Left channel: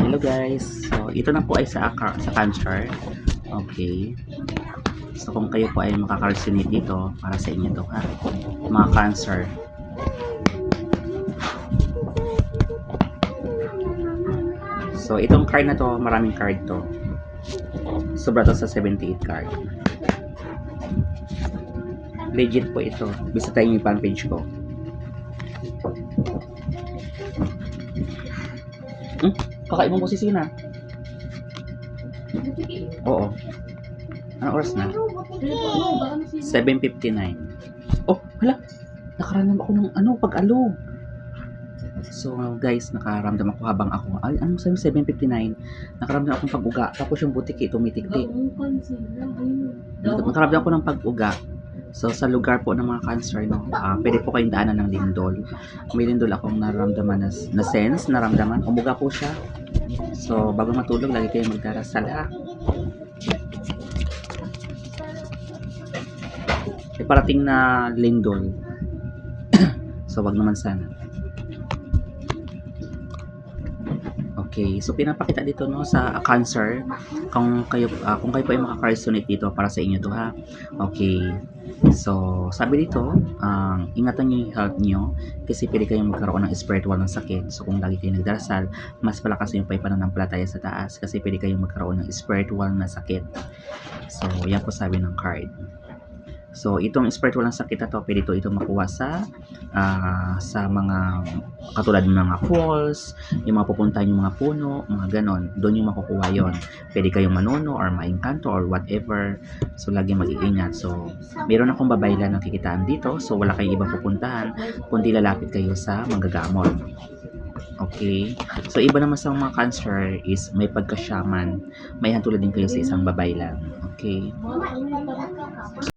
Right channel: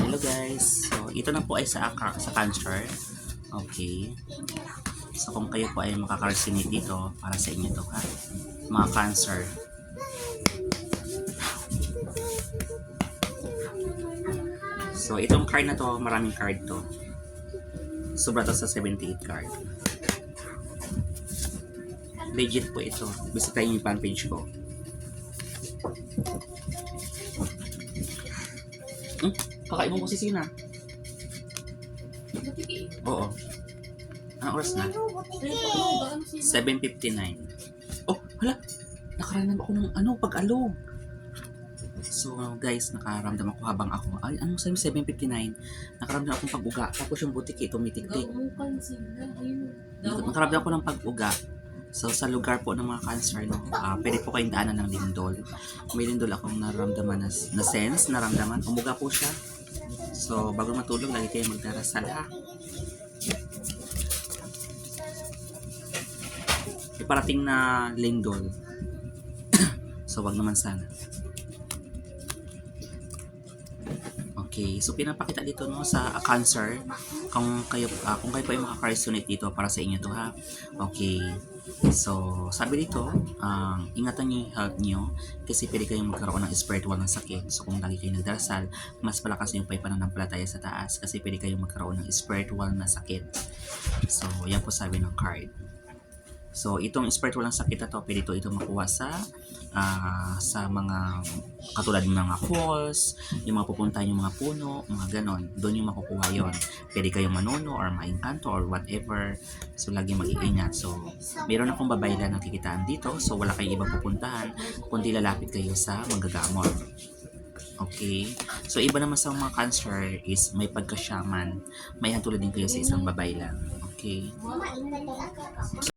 Hello guys. So, ito na po ay sa cancer. Okay. So, kung kayo po ay makaka-resonate dito, para sa inyo to ha. Mga cancer. So, itong card na to, maraming card to. Sobra to sa 78 card. Legit po ito. Bisitahin niyo yung fan page ko. Kakain mo boses na. Oo. Anong oras na? 7:59. Oh, hala. Nakaramdam ako ng pag-alog. So guys, nakaramdam ako habang ako, ay anong sabi 7:59, nakaramdam akong pag-uga, tapos yung butiki tumitik-tik. Nakaramdam ako ng pag-uga. So sa lugar po ng mga cancer, no, pwede po kayong daanan ng lindol. May lindol akong naramdaman na sense, naramdaman, umuga po siya. So bago matulog, lagi kayong magdarasal ha. May parating na lindol. So wag naman sana. Okay, so pinapakita dito no sa cancer kung kayo po ay makaka-resonate dito para sa inyo to ha. Okay. So, sabi dito, ingatan niyo yung health niyo kasi pwede kayong magkaroon ng spiritual ng sakit. So, kung lagi kayo nagdarasal, mas palakas yung pananampalataya sa taas kasi pwede kayong magkaroon ng spiritual na sakit. So, yan po sabi ng card. So, itong spiritual ng sakit na to, pwede ito makuha sa mga katulad ng mga falls, yung mga pupuntahan yung mga puno, mga ganon. Doon yung makukuha yon. Pwede kayong manono or maingkanto or whatever. So, lagi mag-iingat. So, meron akong babayla na kikitaan dito. So, wala kayong ibang pupuntahan kundi lalapit kayo sa manggagamot. Okay? So, iba naman sa mga cancer is may pagka-shaman. May hantulad din kayo sa isang babaylan. Okay?